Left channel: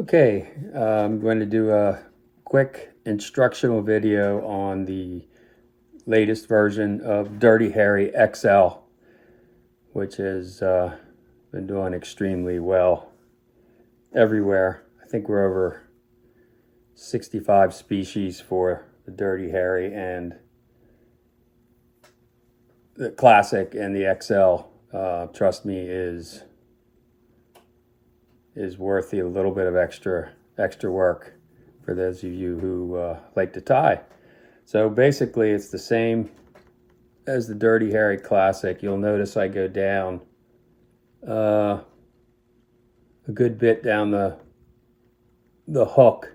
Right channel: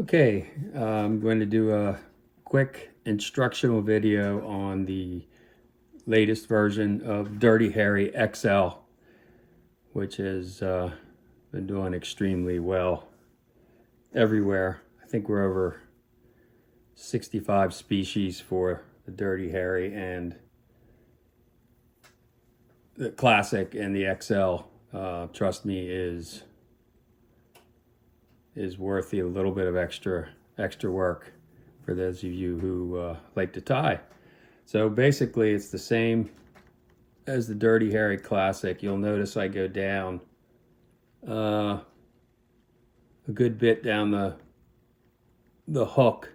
Okay, I'm going to do a quick instructional video on the latest version of Dirty Harry XL, which has been doing extremely well everywhere. I think we're over 65 species for the Dirty Harry, and the Classic and the XL, trust me, is worth a little bit of extra work for those of you who like to tie. So basically it's the same as the Dirty Harry Classic. You'll notice I go down a good bit down the hook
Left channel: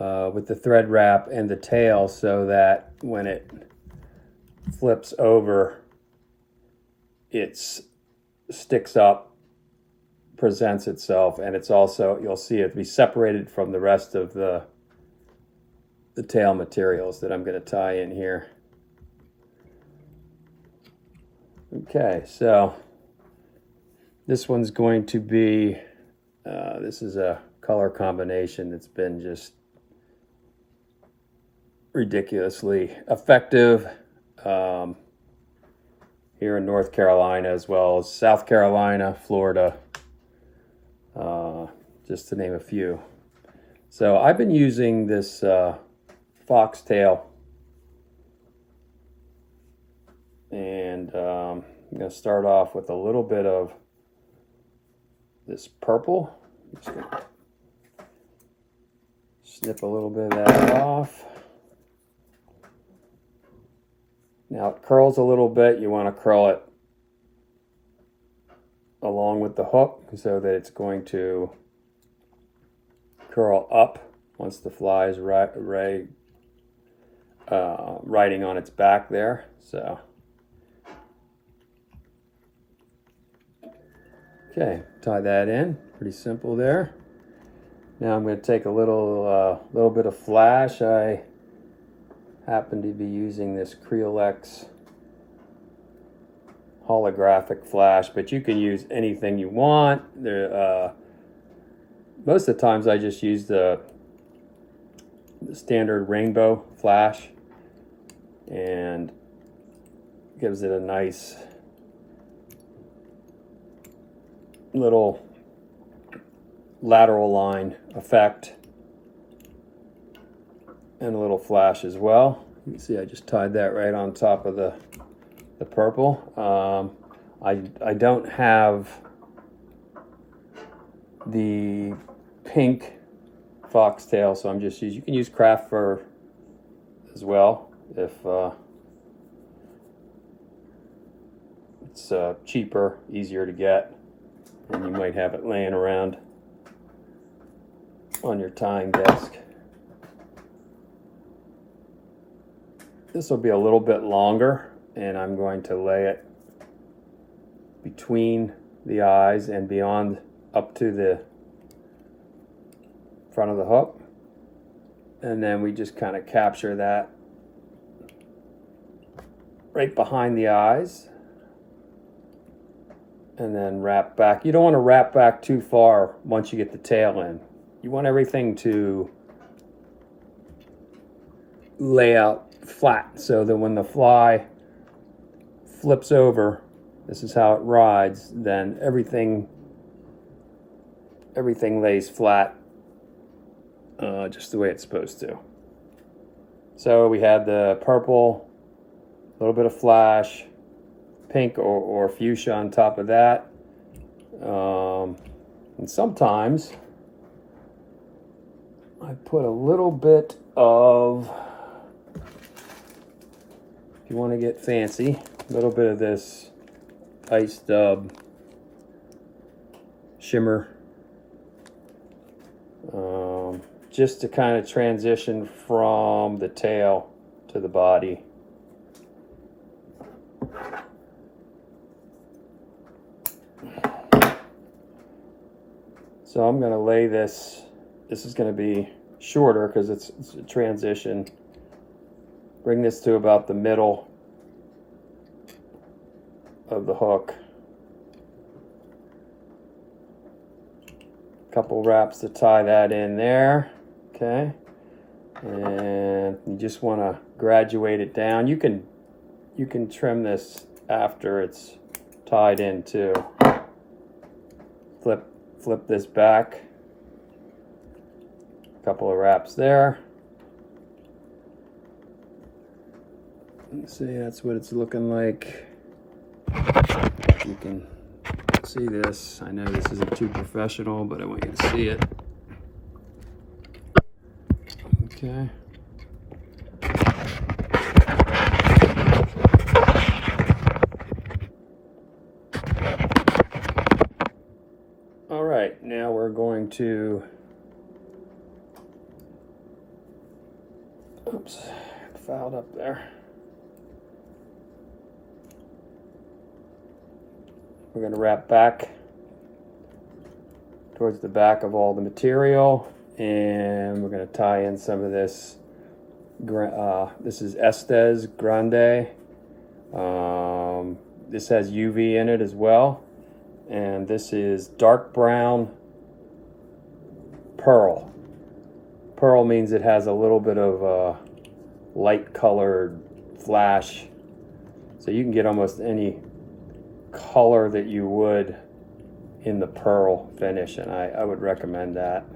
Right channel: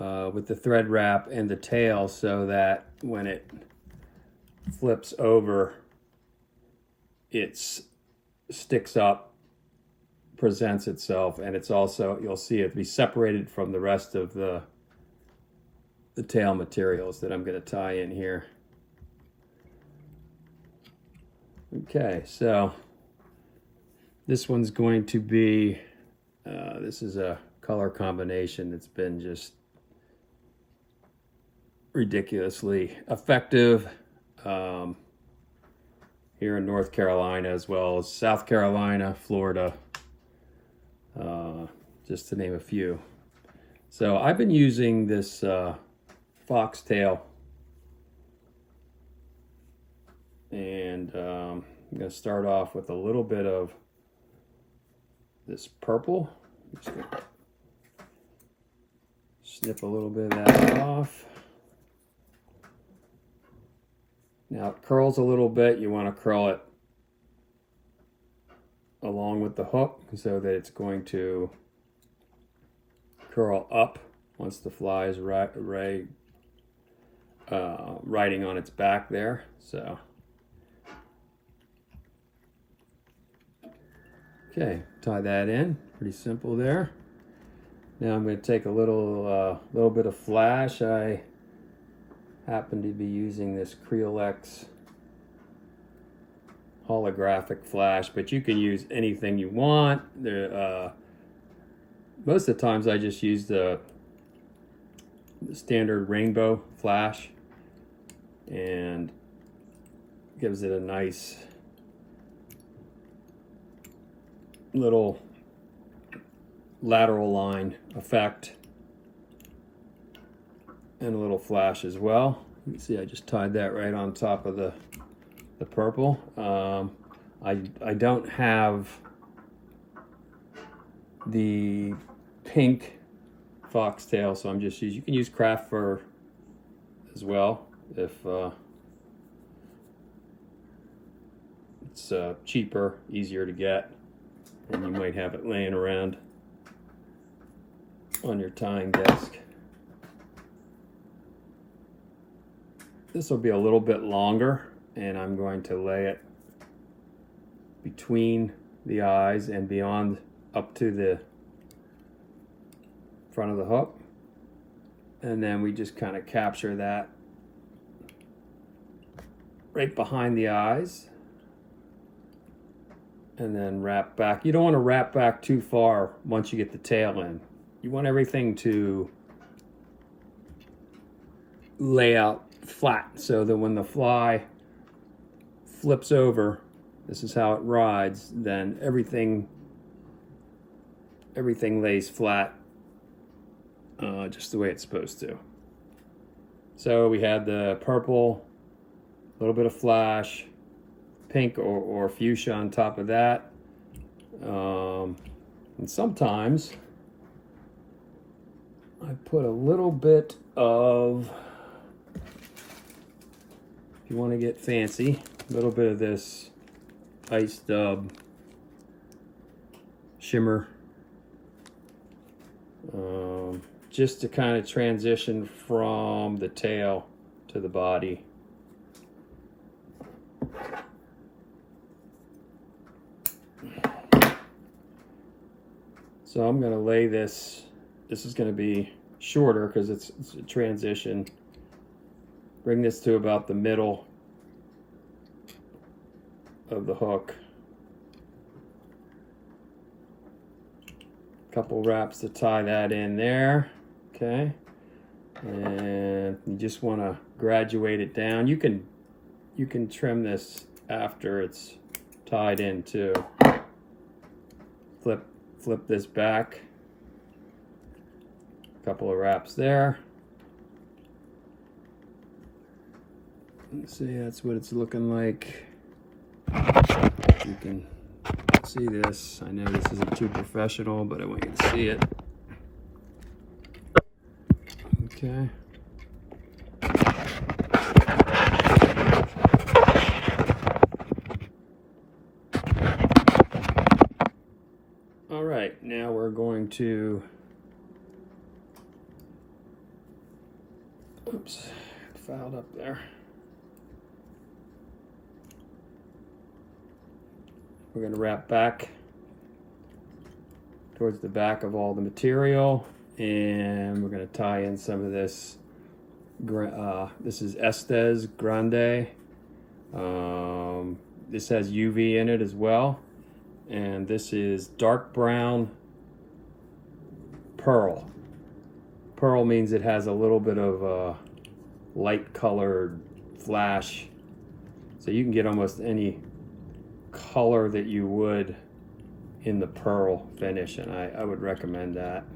with the thread wrap and the tail, so that when it flips over, it sticks up, presents itself, and it's also, you'll see it be separated from the rest of the tail materials that I'm going to tie in here. Okay, so this one's going to be, this is a color combination that's been just ridiculously effective here in North Carolina, as well as South Carolina, Florida, just to name a few. So I've been using this foxtail, and I'm going to start off with a little bit of this purple. Just going to snip a little bit of that off. Now it curls a little bit. You want to curl it along with the hook so that it's going to curl up once the fly is riding on its back there. So okay, tie that in. Pretty simple there. Now I'm going to take a little bit of flash. I happen to be using this Creolex holographic flash, but you can use anything you want. Most of the times I just use the standard rainbow flash, and gives it a nice little lateral line effect, and a little flash as well. You can see I just tied that right on top of the purple. I don't have the pink foxtail, so I'm just using, you can use craft fur as well if it's cheaper, easier to get, and you might have it laying around on your tying desk. This will be a little bit longer, and I'm going to lay it between the eyes and beyond, up to the front of the hook, and then we just kind of capture that right behind the eyes, and then wrap back. You don't want to wrap back too far once you get the tail in. You want everything to lay out flat, so that when the fly flips over, this is how it rides, then everything lays flat, just the way it's supposed to. So we had the purple, a little bit of flash, pink or fuchsia on top of that, and sometimes I put a little bit of, if you want to get fancy, a little bit of this ice dub shimmer, just to kind of transition from the tail to the body. So I'm going to lay this. This is going to be shorter because it's a transition. Bring this to about the middle of the hook. couple wraps to tie that in there. Okay, and you just want to graduate it down. You can trim this after it's tied in too. Flip this back. A couple of wraps there. See, that's what it's looking like. You can see this. I know this isn't too professional, but I want you to see it. Okay. All right, now we're going to, oops, fouled up there. We're going to wrap back towards the back of all the material, and we're going to tie in some of this. This is Estaz Grande. This has UV in it as well, and this is dark brown pearl. Pearl means it has a little bit of a light colored flash, so you can get almost any color that you would in the pearl finish, and I would recommend that.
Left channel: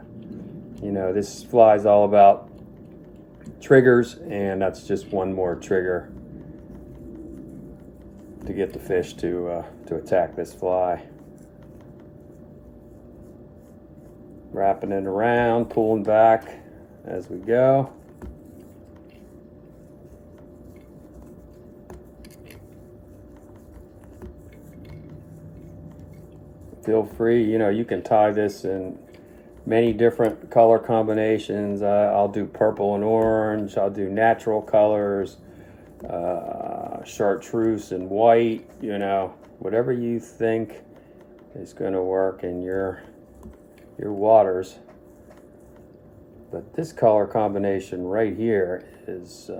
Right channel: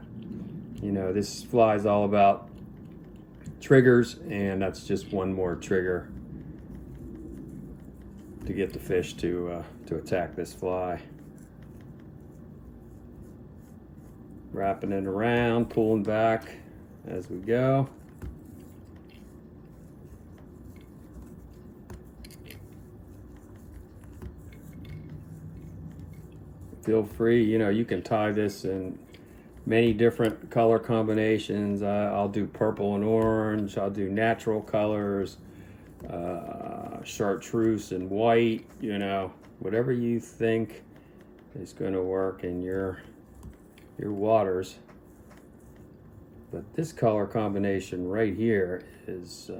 You know, this fly is all about triggers, and that's just one more trigger to get the fish to attack this fly. Wrapping it around, pulling back as we go. Feel free, you know, you can tie this in many different color combinations. I'll do purple and orange. I'll do natural colors, chartreuse and white. You know, whatever you think is going to work in your waters. But this color combination right here is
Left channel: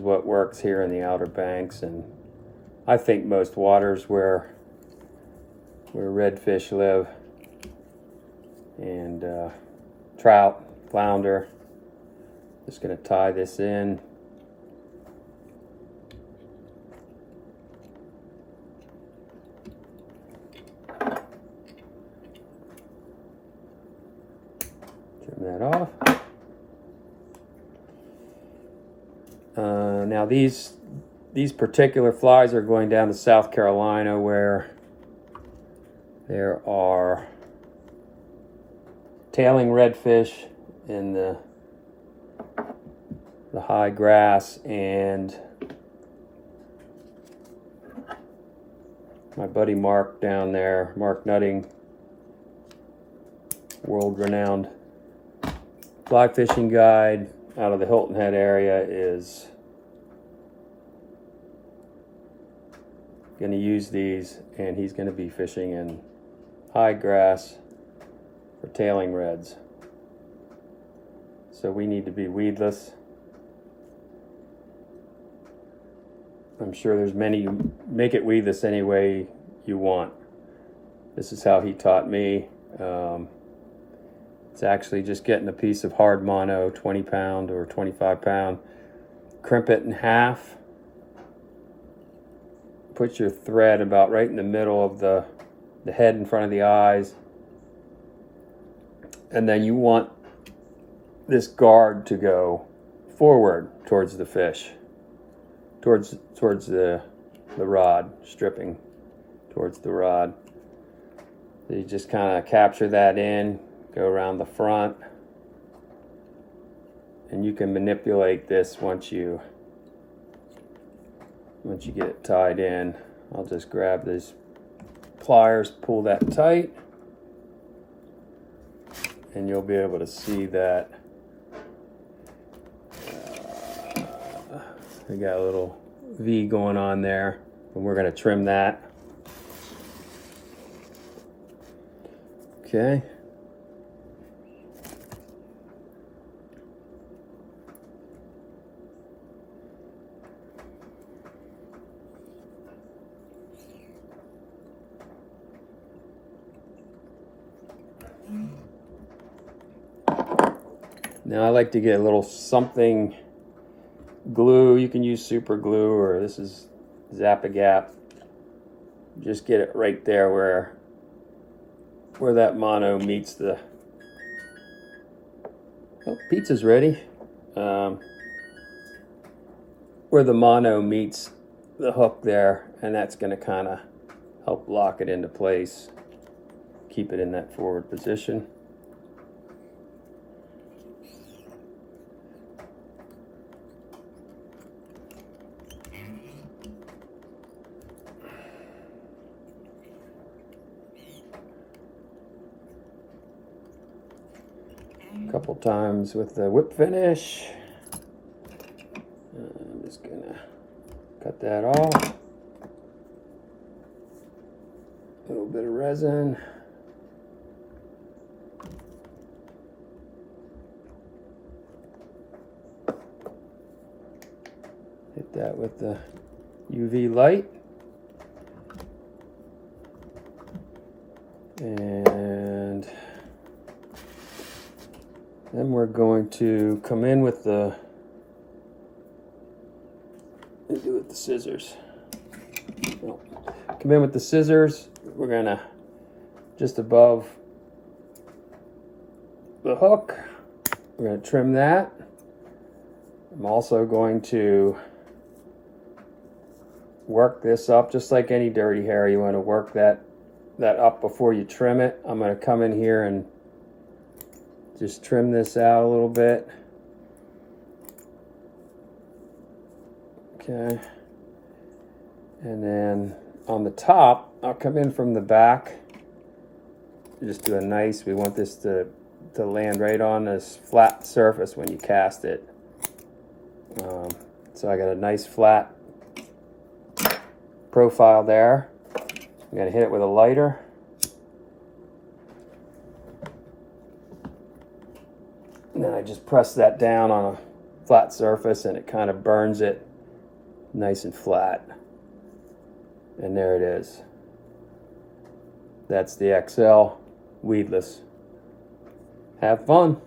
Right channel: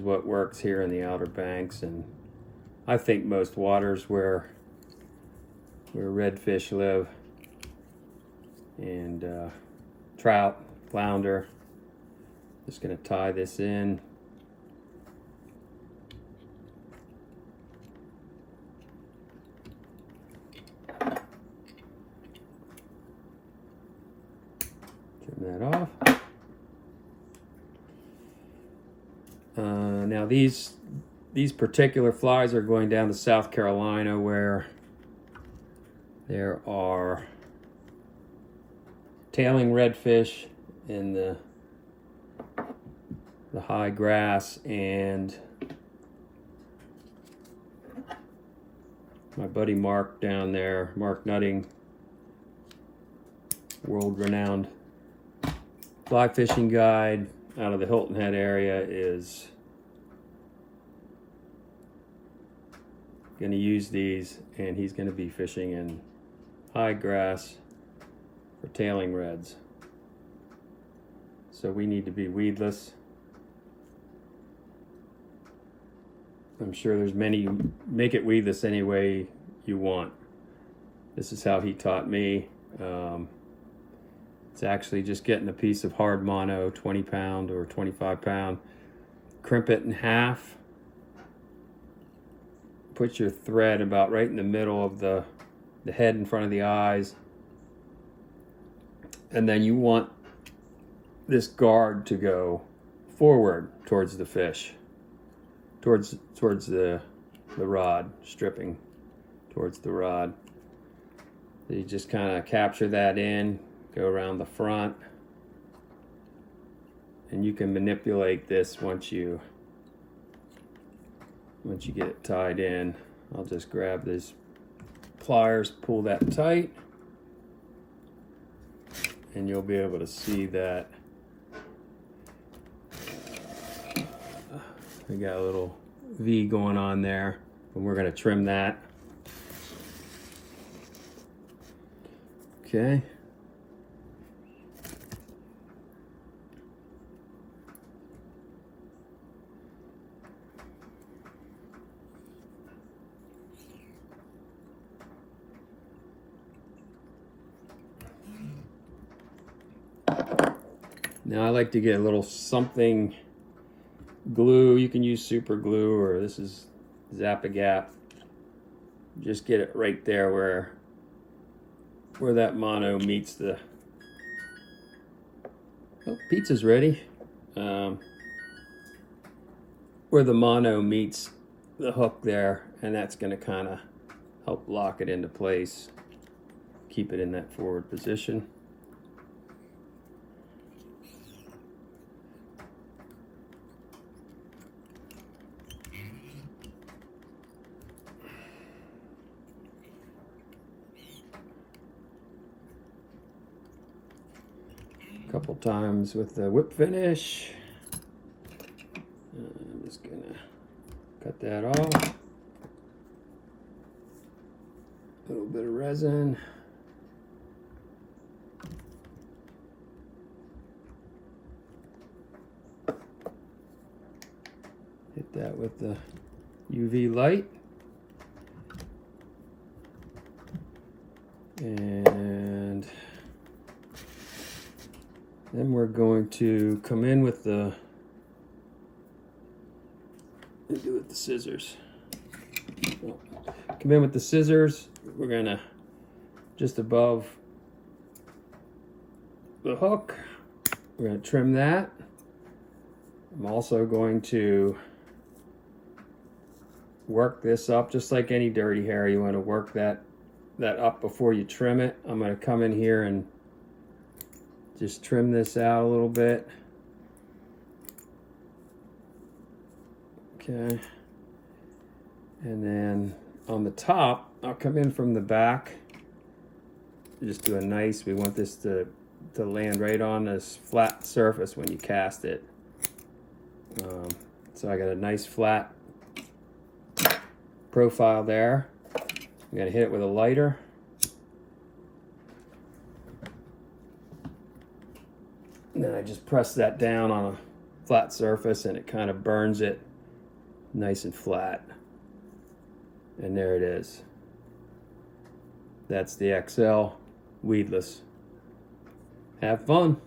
what works here in the Outer Banks, and I think most waters where redfish live, and trout, flounder. Just going to tie this in. Trim that off. Now these particular flies are going down to South Carolina, where there are tailing redfish in the high grass, and my buddy Mark down there, Mark Nutting, world-renowned fly fishing guide out of the Hilton Head area, is going to use these, and he's going to be fishing in high grass for tailing reds. So we need to be weedless. I'm sure there's many, make it weedless any way you want. This is how he taught me. It's actually just getting a piece of hard mono, 20 pound or 25 pound, crimp it in half, put your thread about right in the middle of the head in front of the eyes, and then you want this guard to go forward towards the fish, towards the rod, stripping towards the rod. So you just kind of capture that in, go around the front, and you can manipulate this once you get it tied in. I'll just grab these pliers, pull that tight, and you'll be able to see that we got a little V going on there, and we're going to trim that. Okay. Then I like to get a little something glue. You can use super glue, or this is Zap-A-Gap. Just get it right there where that mono meets the... Oh, pizza's ready. Where the mono meets the hook there, and that's going to kind of help lock it into place, keep it in that forward position. A couple times with the whip finish. I'm just gonna cut that off. A little bit of resin. Hit that with the UV light. And then we're going to come in with the scissors. Come in with the scissors. We're gonna just above the hook. We're gonna trim that. I'm also going to work this up just like any dirty hair. You want to work that up before you trim it. I'm going to come in here and just trim this out a little bit. Okay. And then on the top, I'll come in from the back. Just do a nice, we want this to land right on this flat surface when you cast it. So I got a nice flat profile there. I'm going to hit it with a lighter. And then I just press that down on a flat surface and it kind of burns it nice and flat. And there it is. That's the XL weedless. Have fun.